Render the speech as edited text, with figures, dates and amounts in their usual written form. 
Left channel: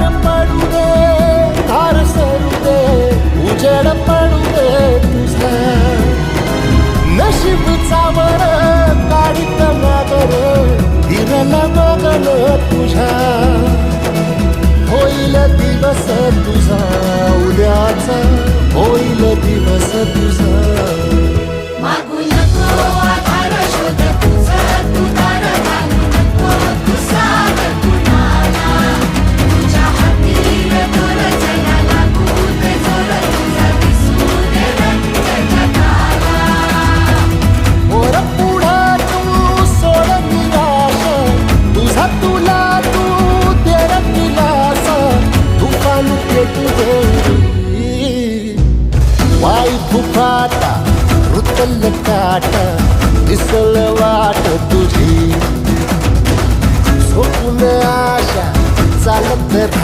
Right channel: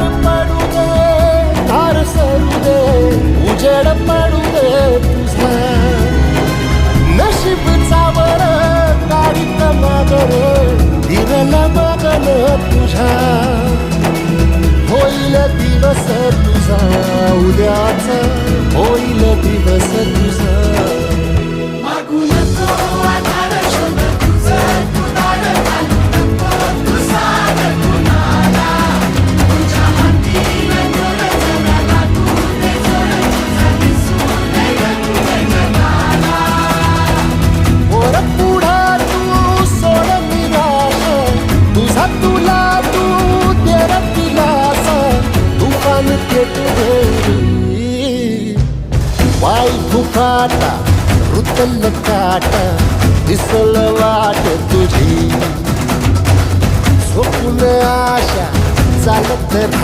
पडू दे धार सरू दे उजेड पडू दे तुझा नशीब चावर काढीत मागर दिरल बगल तुझा होईल दिवस तुझा उद्याचा होईल दिवस तुझा तुला तू तेरा दिलासा तुफान पेटू दे वाई फुफाटा रुतल काटा दिसल वाट तुझी झोपून आशा चालत राहा